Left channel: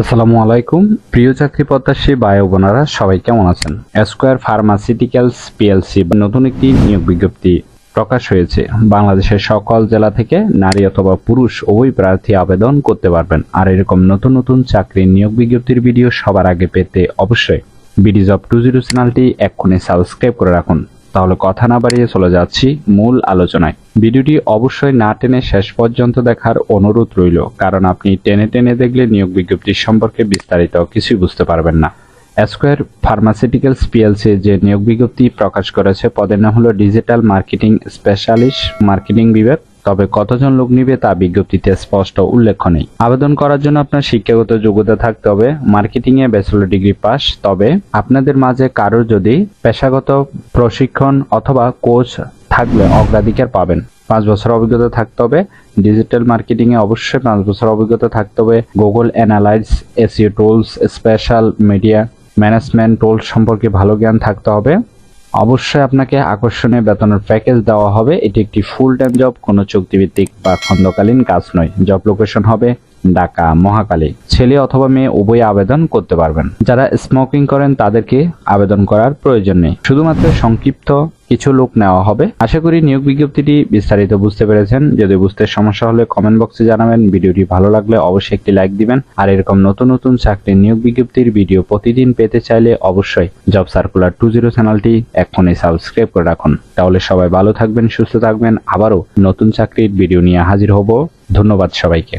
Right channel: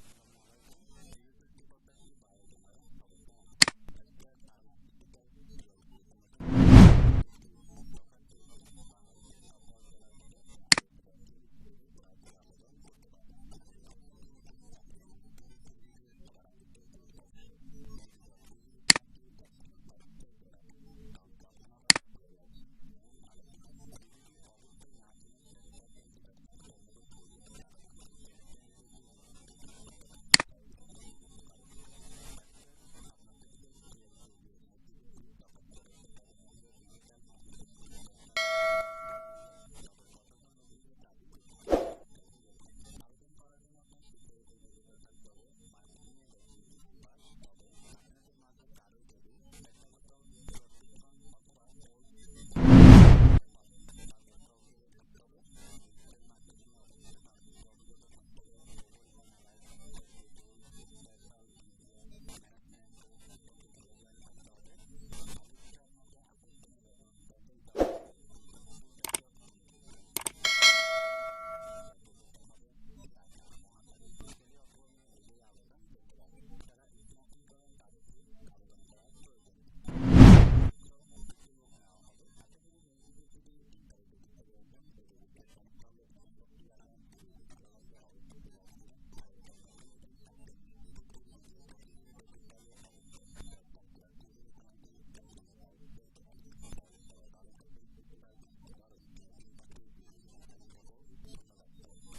আসসালামু আলাইকুম। প্রিয় চাকরি প্রত্যাশী ভাই ও বোনেরা, সবাই কেমন আছেন? স্কয়ার ফার্মাসিউটিক্যালস পিএলসি নতুন একটি নিয়োগ বিজ্ঞপ্তি প্রকাশ হয়েছে। বাংলাদেশের সকল জেলা থেকে নারী অথবা পুরুষ উভয় প্রার্থী আবেদন করতে পারবেন। আর এরকম নতুন নতুন চাকরির নিয়োগ বিজ্ঞপ্তির ভিডিও সবার আগে পেতে অবশ্যই বিডি জব 20 চ্যানেলটি এক্ষুনি সাবস্ক্রাইব করে রাখুন। তাহলে কথা না বাড়িয়ে চলে যাচ্ছি মূল আলোচনায়। ভিডিওটি অবশ্যই না টেনে শেষ পর্যন্ত দেখার অনুরোধ রইল, কারণ আপনি টেনে টেনে দেখলে নিয়োগ বিজ্ঞপ্তি সম্পর্কে বিস্তারিত কিছুই বুঝতে পারবেন না। স্কয়ার ফার্মাসিউটিক্যালস পিএলসি যে নিয়োগ বিজ্ঞপ্তি প্রকাশ করেছে, পদের নাম হলো ডিজিটাল মার্কেটিং স্পেশালিস্ট মার্কেটিং বিভাগ। তবে কতজন লোক নিবে তা বিজ্ঞপ্তিতে স্পষ্ট উল্লেখ নেই। আবেদন করার জন্য আপনার শিক্ষাগত যোগ্যতা থাকতে হবে মার্কেটিং এ ব্যাচেলর ডিগ্রি পাস। তবে আপনাদের মাঝে কারোর যদি পেশাগত প্রশিক্ষণ অথবা কোচ থাকলে অগ্রাধিকার পাবেন। 5 বছর অভিজ্ঞতা থাকতে হবে ডিজিটাল মার্কেটিং এ, অবশ্যই 5 বছর অভিজ্ঞতা থাকতে হবে। Google analytics, SEO tools, special media management tools সম্পর্কে ভালো জ্ঞান থাকতে হবে। অবশ্যই আপনাকে আকর্ষণীয় বেতনের প্যাকেজ দেওয়া হবে। এটি একটি ফুল টাইম জব, কোনো চুক্তিভিত্তিক বা খণ্ডকালীন কাজ নয়। জব লোকেশন হবে ঢাকা মহাখালী। ছেলে অথবা মেয়ে উভয় আবেদন করতে পারবেন। যারা স্মোকিং করেন তাদেরকে আবেদন করার প্রয়োজন নেই, শুধুমাত্র সংক্ষিপ্ত কিছু লোক নেওয়া হবে। আশা করি নিয়োগ বিজ্ঞপ্তিটি বিস্তারিত বুঝতে পেরেছেন। যদি বুঝতে সমস্যা হলে কমেন্ট বক্সে জানাবেন। ভিডিওটি ভালো লাগলে অবশ্যই একটি লাইক দিবেন। আর এরকম নতুন নতুন চাকরির নিয়োগ বিজ্ঞপ্তির ভিডিও প্রতিদিন পেতে চাইলে অবশ্যই জব সার্কুলার 20 চ্যানেলটি এক্ষুনি সাবস্ক্রাইব করে রাখুন। তাহলে সবাই ভালো থাকবেন, সুস্থ থাকবেন। আবারও নতুন চাকরির ভিডিও নিয়ে হাজির হব। ধন্যবাদ সবাইকে।